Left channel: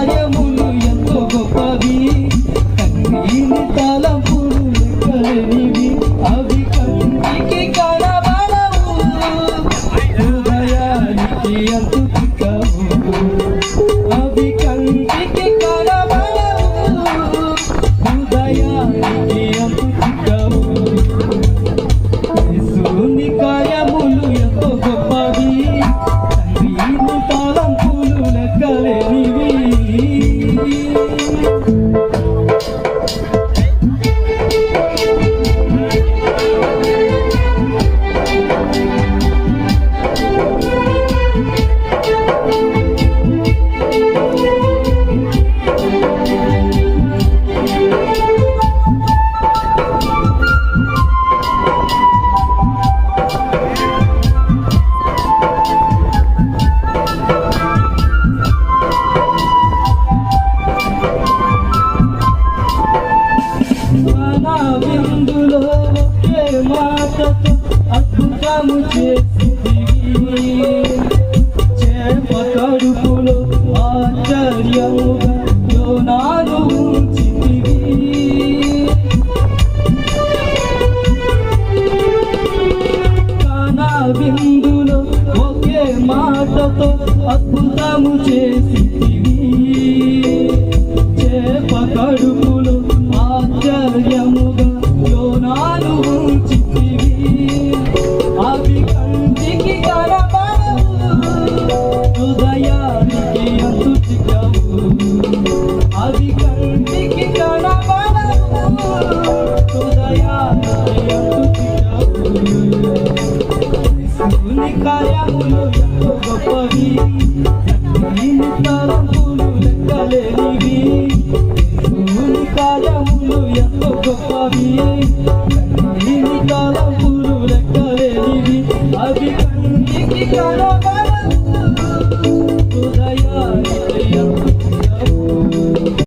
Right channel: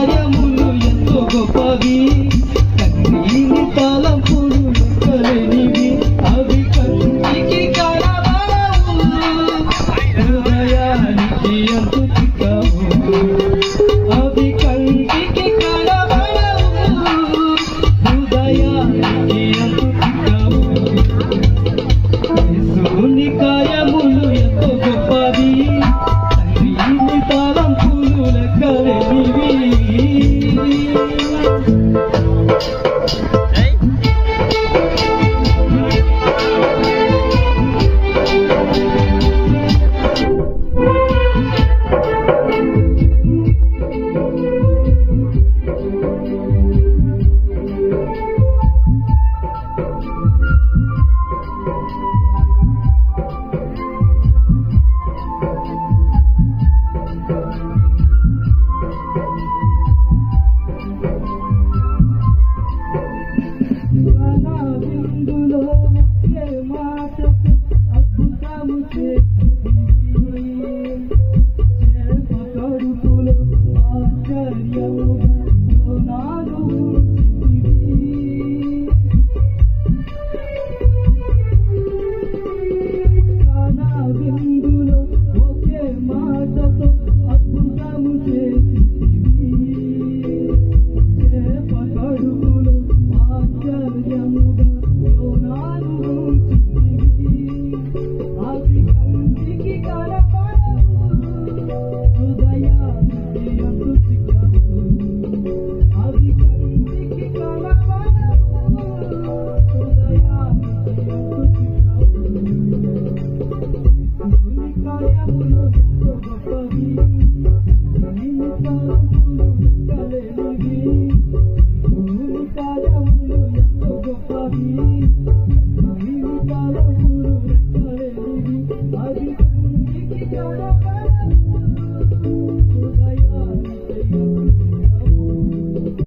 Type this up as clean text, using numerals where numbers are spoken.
కార్యములు ఎంతో గొప్పవి, తండ్రిని తలంపులు లెక్కలేనివి, అవి కంటికి కనబడవు, హృదయానికి అంతు చిక్కవు. అవి కంటికి కనబడవు, హృదయానికి అంతు చిక్కవు. యేసుని కార్యములు ఎంతో గొప్పవి, తండ్రిని తలంపులు లెక్కలేనివి. విందులో ఒకే మాటతో అద్భుతము చేసితివి, చేప కడుపులో ఆశ్చర్యముగా యోనాను ఉంచితివి. కానా విందులో ఒకే మాటతో అద్భుతము చేసితివి, చేప కడుపులో ఆశ్చర్యముగా యోనాను ఉంచితివి. అవి కంటికి కనబడవు, హృదయానికి అంతు చిక్కవు. అవి కంటికి కనబడవు, హృదయానికి అంతు చిక్కవు. యేసుని కార్యములు ఎంతో గొప్పవి, తండ్రిని తలంపులు లెక్కలేనివి. యేసుని కార్యములు ఎంతో గొప్పవి,